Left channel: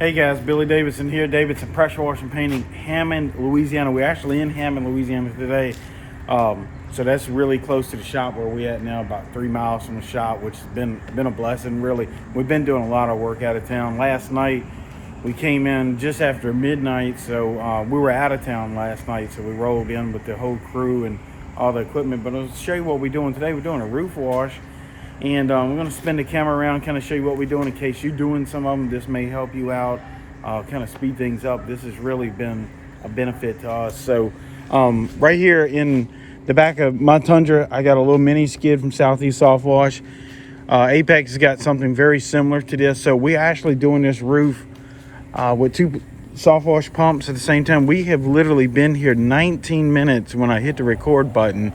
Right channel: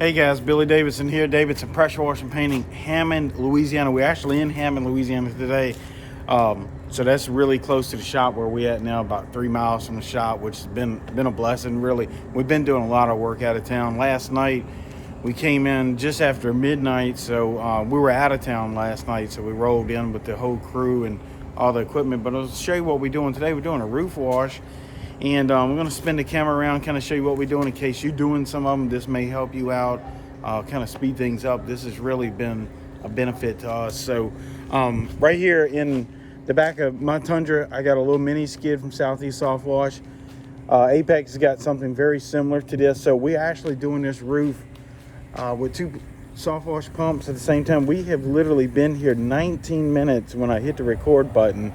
Hey guys, Billy Davidson here. Davidson Pressure Washing Painting, Hammond, Louisiana. We're actually in Hammond, Louisiana today. So that's really close to the shop where we're at now, about 3 miles from the shop, which has been a blessing, really. We've been doing a lot of work out of town. Last night, we came in just after midnight, so we were out of town last night, so we rolled in with the whole crew and all the equipment. But I'll show you what we're doing today. We're doing a roof wash. And we're going to spin the camera around, kind of show you what we're doing in case you're doing some of them. This may help you out, kind of speed things up. This has really been a benefit to us. So right here in the back of my Tundra, I got a little mini skid from Southeast Soft Wash. Apex has got something very similar to this. So we're actually doing this roof with two soft wash pumps at the same time. We have literally been here 19 minutes when I hit the record button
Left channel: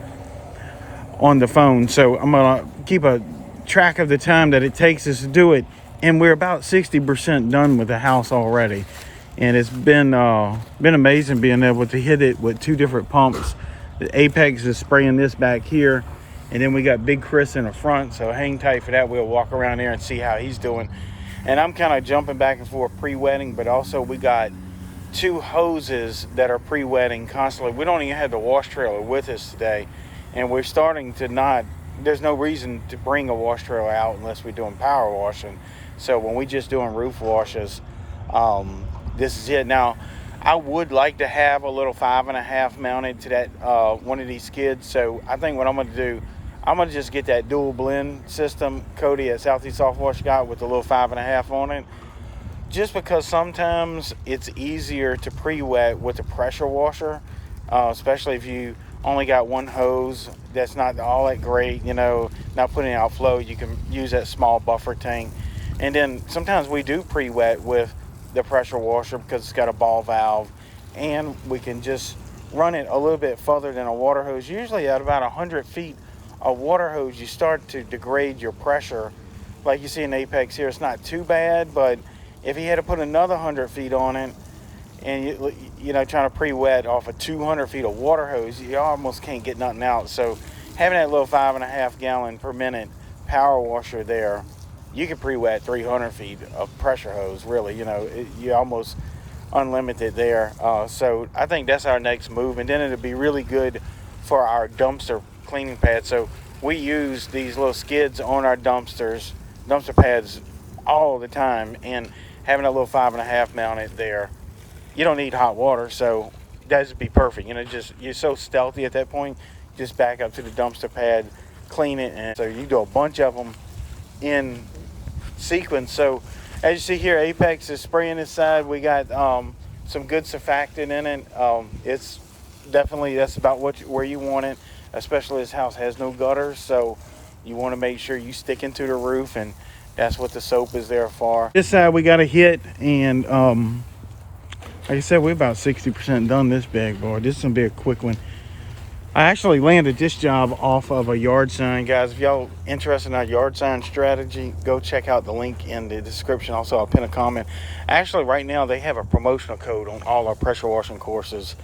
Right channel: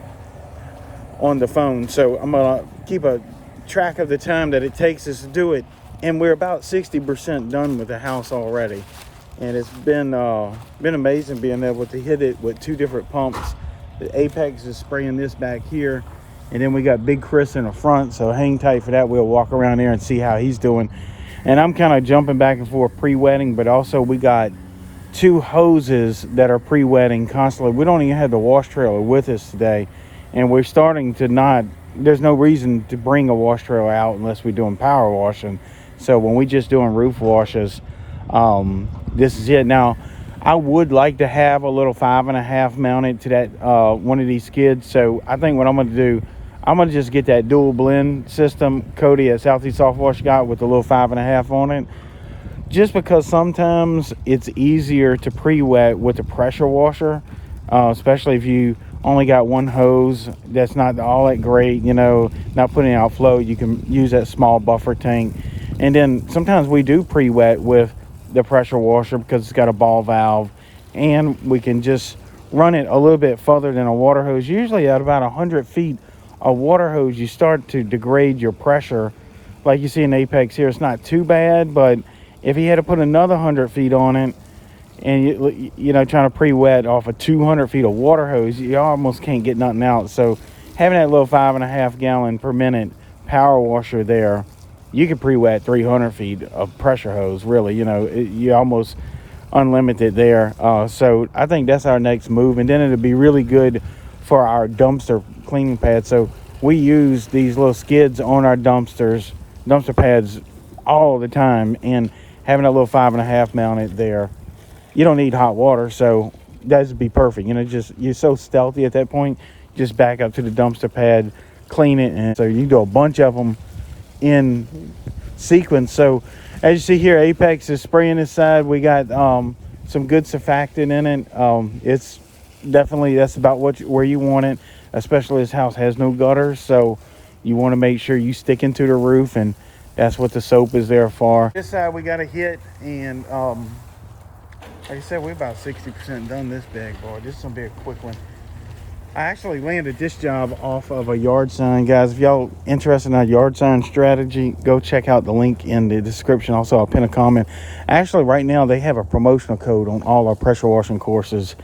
on the phone. So I'm gonna keep a track of the time that it takes us to do it, and we're about 60% done with the house already. And it's been amazing being able to hit it with two different pumps. The Apex is spraying this back here, and then we got Big Chris in the front, so hang tight for that. We'll walk around there and see how he's doing. And I'm kind of jumping back and forth pre-wetting, but also we got two hoses that are pre-wetting constantly. We don't even have the wash trailer with us today, and we're starting to not, there's no reason to bring a wash trailer out unless we're doing power washing. So when we just doing roof washes, this is it. Now, I would like to have a little 5.5 mounted to that one of these skids. So I think what I'm going to do, I'm going to just get that dual blend system Cody at Southeast Soft Wash got with a little 5.5 on it. Just because sometimes it's easier to pre-wet with the pressure washer, especially if you only got one hose that's not all that great, you know, not putting out flow. You can use that small buffer tank. And then sometimes we do pre-wet with the pressure washer because it's got a ball valve, and we can just run it a little bit further than a water hose. Usually at about 100 feet a water hose, you start to degrade your pressure. Like you see in Apex here, it's not too bad, but if he had to put another 100 feet on it, and you know, trying to pre-wet off of 200 feet of water hose, you almost can't get nothing out. So having that little 5.5 gallon per minute power washer there, you could pre-wet 300 feet of pressure hose, really. You know, you're almost unlimited there. So I think that's our next move, and then it'll be really good for our dumpster cleaning pad. So we use these little skids on our dumpster pads all the time, and having a little 5.5 mounted there, you don't need hot water, so that'd be perfect. You know, just, you're so stealthy at that point, just back up to the dumpster pad, clean it, and so you do a bunch of them in sequence. So as you see here, Apex is spraying this side. We got some good surfactant in it. It's definitely, that's about where you want it, especially this house has no gutters, so you want to make sure you stick into the roof, and that's what the soap is there for. This side we got a hit, and like I said, we're about 60% done this bag boy. This is gonna be a quick one. I actually landed this job off of a yard sign, guys. If y'all interested in our yard sign strategy, go check out the link in the description. Also, I'll pin a comment. Actually, right now they have a promotional code on all our pressure washing courses.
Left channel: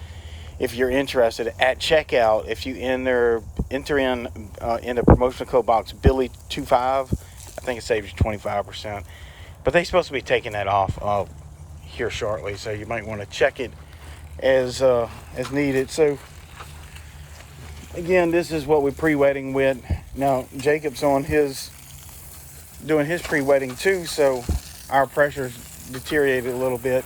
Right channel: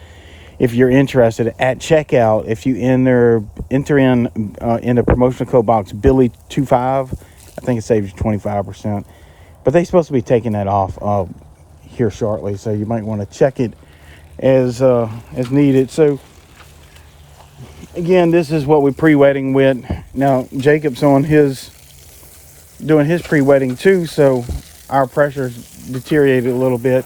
If you're interested, at checkout, if you enter in the promotional code box Billy25, I think it saves you 25%. But they're supposed to be taking that off here shortly, so you might want to check it as needed. So again, this is what we're pre-wetting with. Now Jacob's on doing his pre-wetting too, so our pressure's deteriorated a little bit.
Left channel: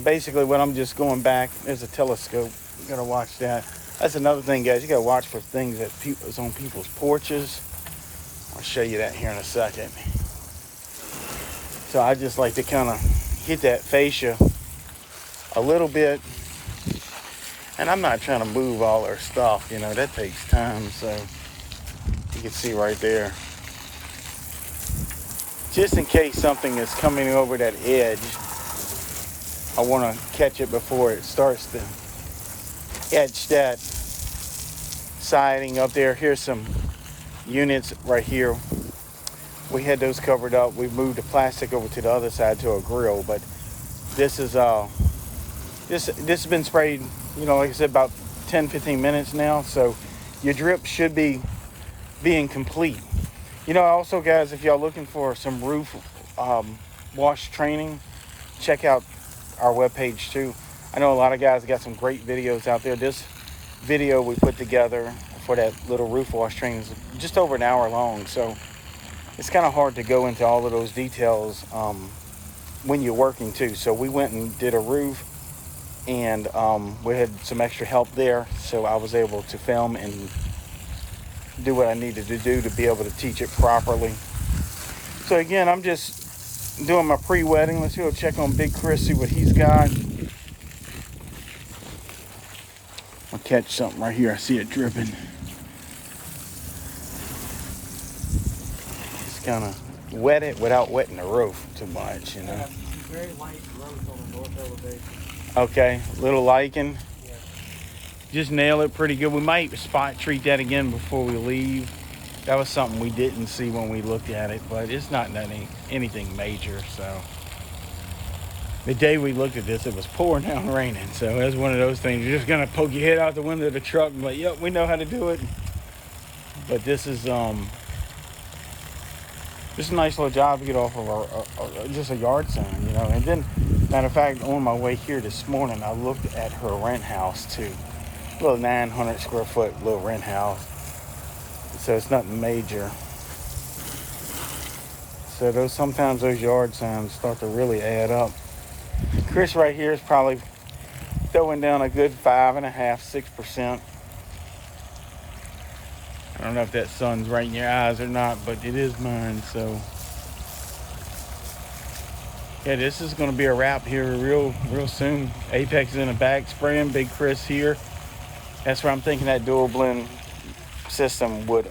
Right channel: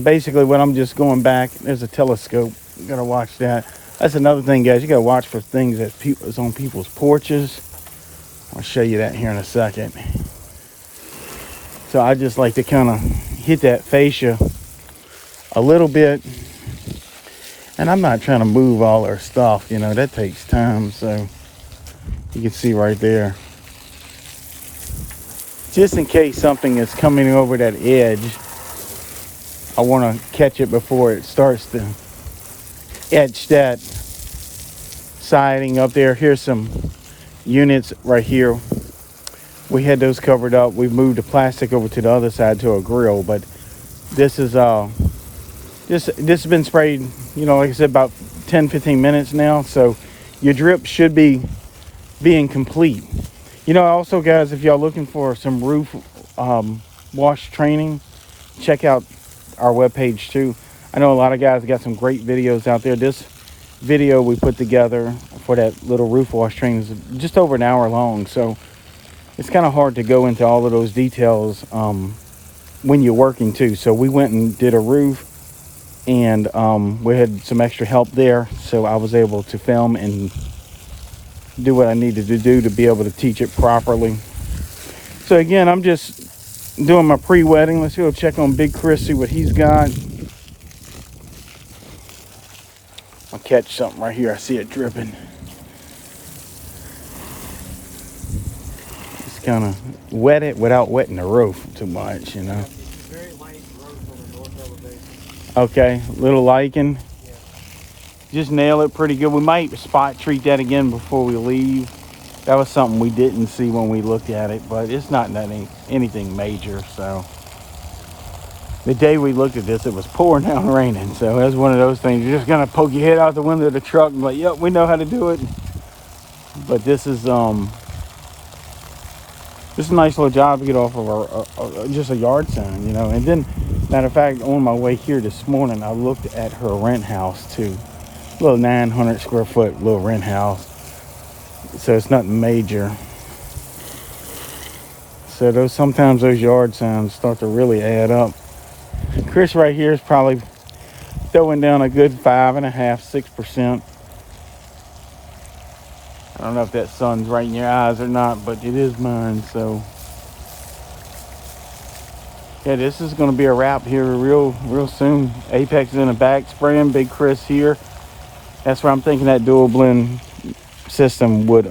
Basically what I'm just going back, there's a telescope, you gotta watch that. That's another thing, guys, you gotta watch for things that's on people's porches. I'll show you that here in a second. So I just like to kind of hit that fascia a little bit, and I'm not trying to move all our stuff, you know, that takes time. So you can see right there, just in case something is coming over that edge, I want to catch it before it starts to etch that siding up there. Here's some units right here. We had those covered up. We moved the plastic over to the other side to a grill, but this is this has been sprayed, you know, like I said, about 10-15 minutes now. So your drip should be being complete. You know, also guys, if y'all looking for some roof wash training, check out our webpage too. I know a lot of guys got some great videos out there. This video we put together for that little roof wash training is just over an hour long, so it's kind of hard to go into all of those details when you're working too. So we went and did a roof, and we had some extra help there, so I was able to film and do what I needed to do to be able to teach it properly. So again, I'm just doing my pre-wetting. Let's go check on Big Chris, see what he's got. I'll catch something right here. I see it dripping. Just kind of wet it without wetting the roof too much, you know. Yeah, very light growth on the north elevation. Okay, little lichen. Yeah. Just nail it pretty good. We might spot treat that again before we leave. That was something we didn't see when we looked at it, but it's not anything major. So the day we looked at this, it was pouring down raining. So that's one of those things. You're just gonna poke your head out the window of the truck and be like, yep, we know how to do it. But this is just a nice little job to get off of just a yard sign, you know. And then, matter of fact, on my way here this morning, I looked at her rent house too. A little 900 square foot little rent house. So it's nothing major. So sometimes those yard signs start to really add up. Chris right here is probably throwing down a good 5.5%, 6%. I don't know if that sun's right in your eyes or not, but it is mine. So yeah, this is going to be a wrap here real soon. Apex is in the back spraying, Big Chris here. That's where I'm thinking that dual blend system would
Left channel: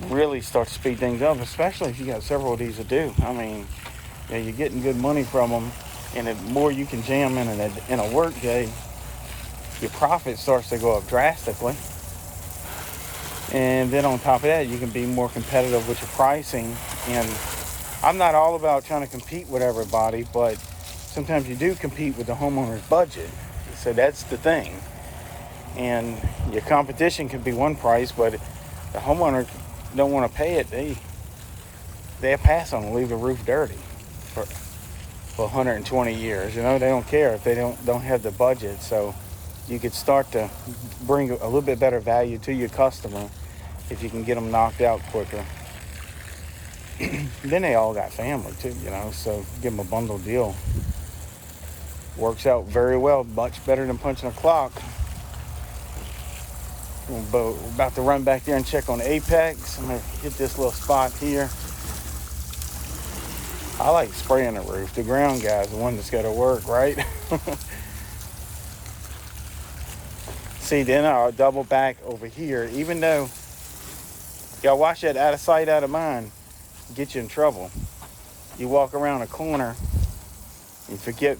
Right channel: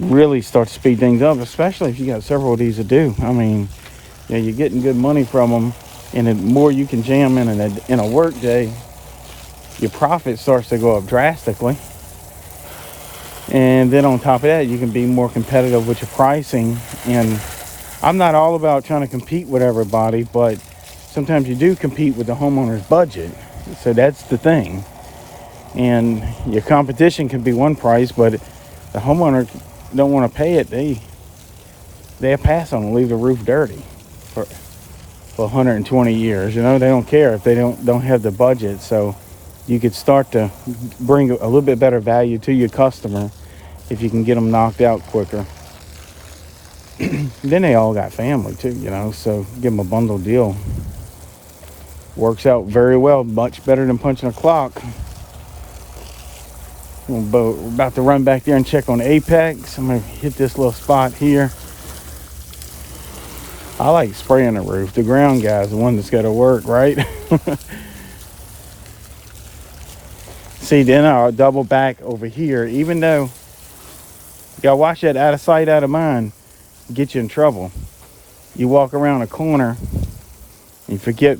really start to speed things up, especially if you got several of these to do. I mean, yeah, you're getting good money from them, and the more you can jam in a work day, your profit starts to go up drastically. And then on top of that, you can be more competitive with your pricing. And I'm not all about trying to compete with everybody, but sometimes you do compete with the homeowner's budget. So that's the thing. And your competition can be one price, but the homeowner don't want to pay it. They'll pass on and leave the roof dirty for 120 years. You know, they don't care if they don't have the budget. So you could start to bring a little bit better value to your customer if you can get them knocked out quicker. Then they all got family too, you know, so give them a bundle deal. Works out very well, much better than punching a clock. We're about to run back there and check on Apex. I'm gonna hit this little spot here. I like spraying the roof. The ground guy's the one that's got to work, right? See, then I'll double back over here, even though you gotta watch that out of sight, out of mind, get you in trouble. You walk around a corner and forget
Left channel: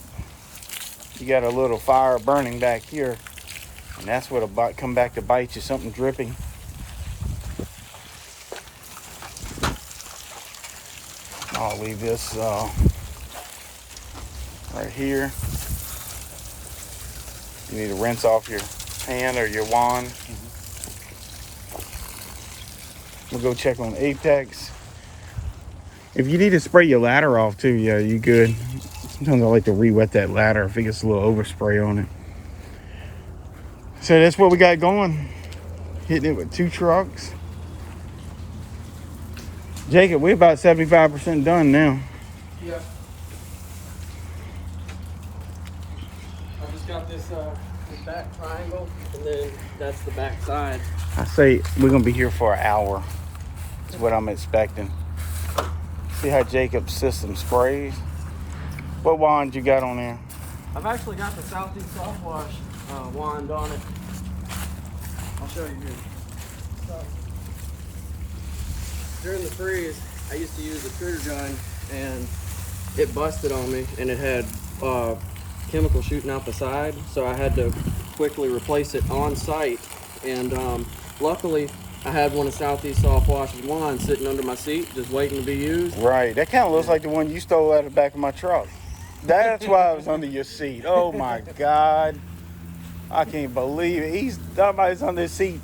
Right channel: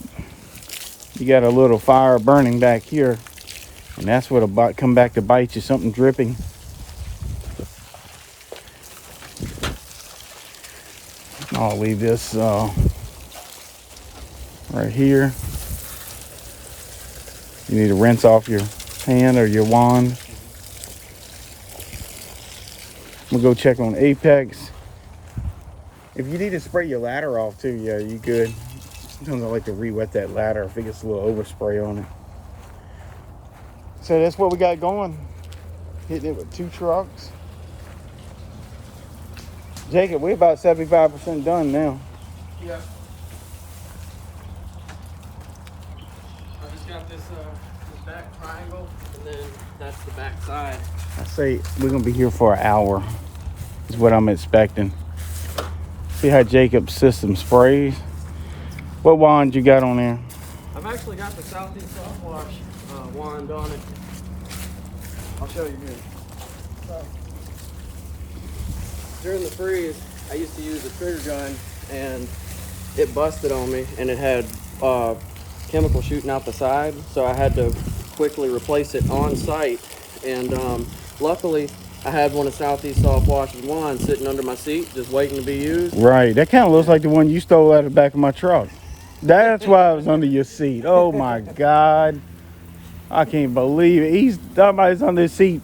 you got a little fire burning back here, and that's what'll come back to bite you, something dripping. I'll leave this right here. You need to rinse off your hand or your wand. We'll go check on Apex. If you need to spray your ladder off too, yeah, you good. Sometimes I like to re-wet that ladder if it gets a little overspray on it. So that's what we got going. Hitting it with 2 trucks. Jacob, we're about 75% done now. Yeah. I just got this back triangle, and then that's the back side. I say we're gonna be here for an hour, is what I'm expecting. See how Jacob's system sprays. What wand you got on there? I've actually got the Southeast Soft Wash wand on it. I'll show you here. During the freeze, I used to use a trigger gun, and it busted on me, and it had chemical shooting out the side, so I had to quickly replace it on site. And luckily, I had one of Southeast Soft Wash's wands sitting under my seat, just waiting to be used. Right, that kind of looks like the one you stole out of the back of my truck. That's why it was under your seat. Oh my God, I can't believe it. Somebody's under the seat.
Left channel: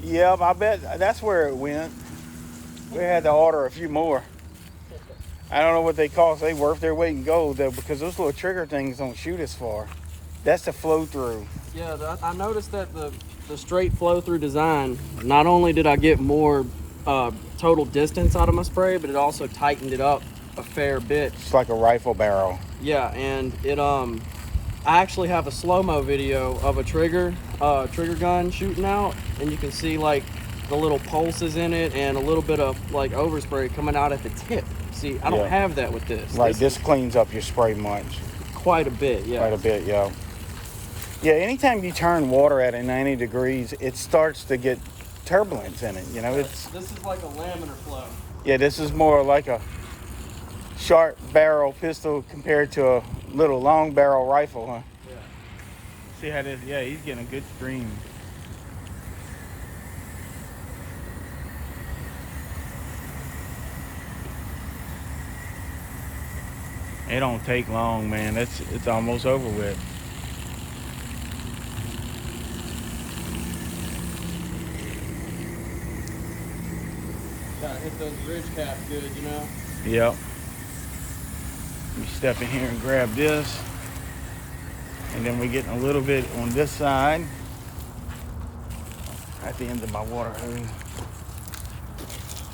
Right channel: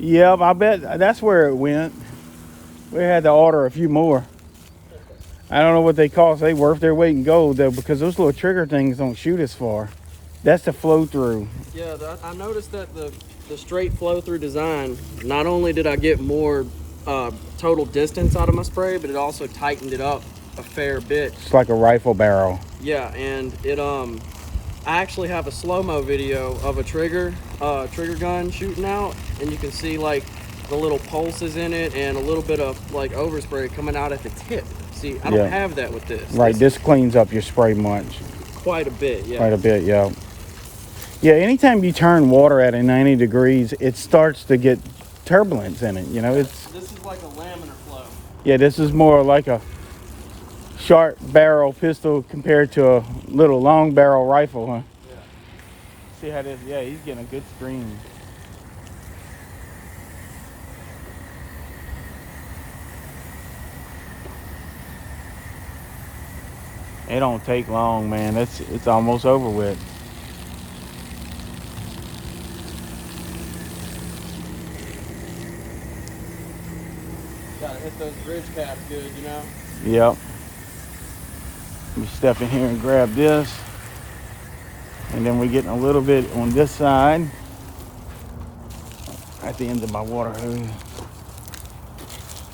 Yep, I bet that's where it went. We had to order a few more. I don't know what they cost. They worth their weight in gold though, because those little trigger things don't shoot as far. That's the flow through. Yeah, I noticed that the straight flow through design, not only did I get more total distance out of my spray, but it also tightened it up a fair bit. It's like a rifle barrel. Yeah, and it I actually have a slow-mo video of a trigger gun shooting out, and you can see like the little pulses in it and a little bit of like overspray coming out at the tip. See, I don't have that with this. Right, this cleans up your spray much. Quite a bit, yeah. Quite a bit, yeah. Yeah, anytime you turn water at 90 degrees, it starts to get turbulence in it, you know. This is like a laminar flow. Yeah, this is more like a short barrel pistol compared to a little long barrel rifle, huh? Yeah. See how this, yeah, he's getting a good stream. It don't take long, man. It's almost over with. Gotta hit those ridge caps good, you know? Yep. Let me step in here and grab this. And then we're getting a little bit on this side at the end of my water hose.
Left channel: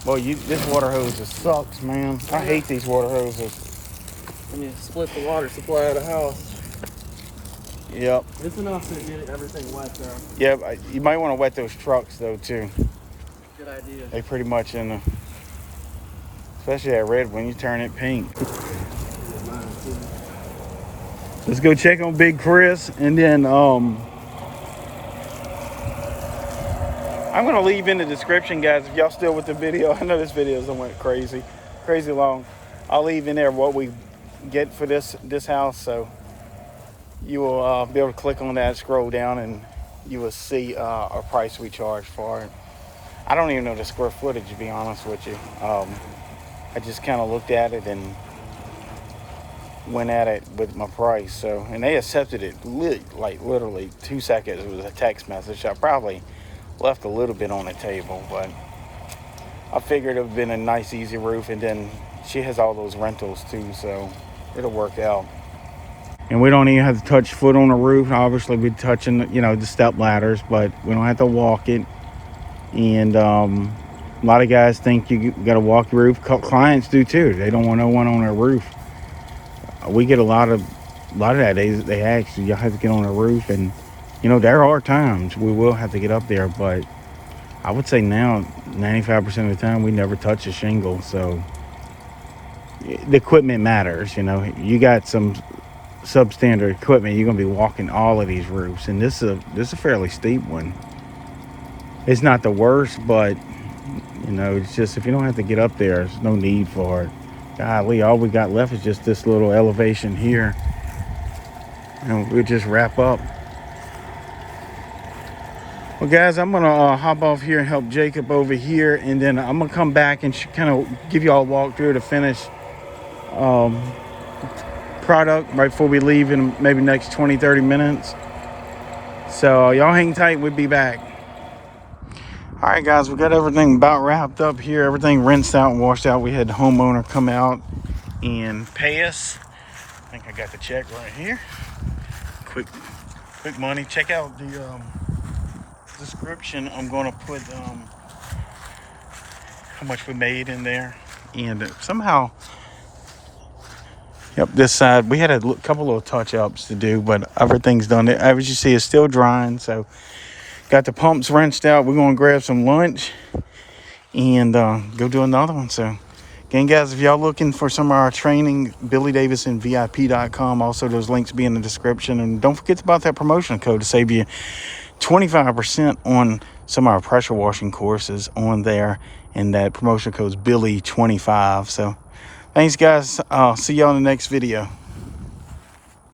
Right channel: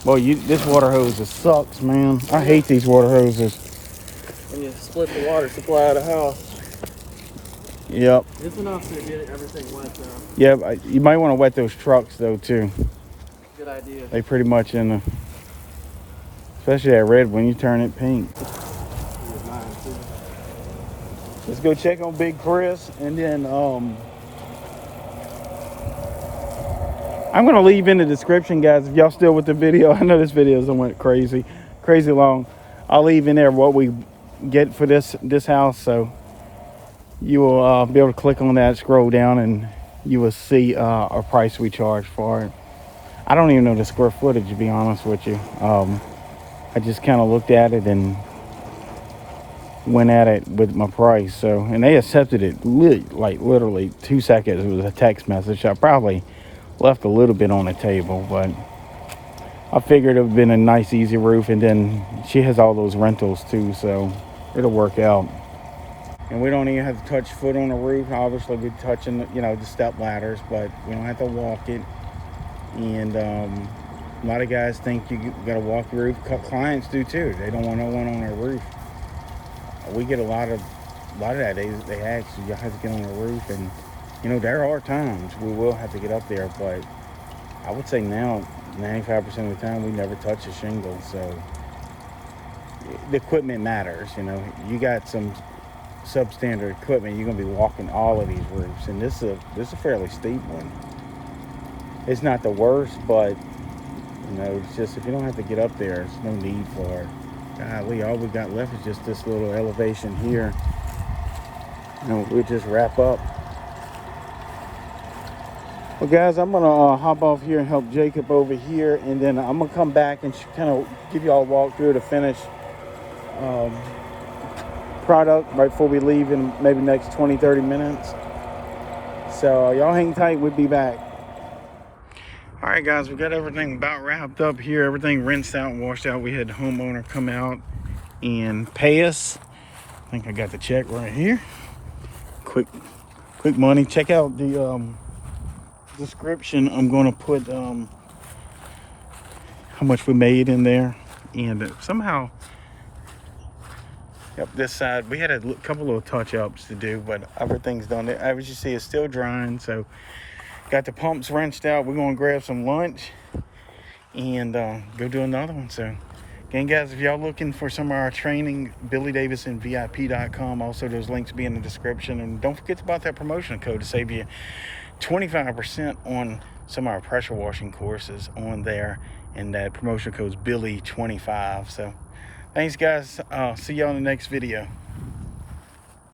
Boy, this water hose just sucks, man. I hate these water hoses. When you split the water supply of the house. Yep. It's enough to get everything wet though. Yeah, you might want to wet those trucks though too. Good idea. They pretty much in the, especially that red when you turn it pink. Let's go check on Big Chris, and then I'm gonna leave in the description, guys, if y'all still with the video. I know this video went crazy long. I'll leave in there what we get for this house, so you will be able to click on that, scroll down, and you will see a price we charge for it. I don't even know the square footage, to be honest with you. I just kind of looked at it and went at it with my price. So, and they accepted it like literally 2 seconds. It was a text message. I probably left a little bit on the table, but I figured it would have been a nice, easy roof. And then she has all those rentals too, so it'll work out. And we don't even have to touch foot on the roof. Obviously, we're touching, you know, the step ladders, but we don't have to walk it. And a lot of guys think you got to walk the roof. Clients do too. They don't want no one on their roof. We get a lot of that. They actually, you have to get on a roof, and you know, there are times we will have to get up there, but I would say now 95% of the time we never touch a shingle. So the equipment matters. You know, you got some substandard equipment, you're gonna be walking all of these roofs, and this is a fairly steep one. It's not the worst, but you know, it's just, if you don't have to get up there, there's no need for it. Golly, all we got left is just this little elevation here, and we'll just wrap up. Well, guys, I'm gonna hop off here and help Jacob over here, and then I'm gonna come back and kind of give you all a walkthrough to finish product right before we leave in maybe next 20-30 minutes. So y'all hang tight, we'll be back. All right, guys, we got everything about wrapped up here. Everything rinsed out and washed out. We had the homeowner come out and pay us. I think I got the check right here. Quick money. Check out the description. I'm going to put how much we made in there. And somehow, yep, this side, we had a couple little touch-ups to do, but everything's done. As you see, it's still drying, so got the pumps rinsed out. We're going to grab some lunch and go do another one. So again, guys, if y'all looking for some of our training, BillyDavidsonVIP.com. Also, those links be in the description. And don't forget about that promotion code to save you 25% on some of our pressure washing courses on there. And that promotion code is Billy25. So thanks, guys. I'll see y'all in the next video.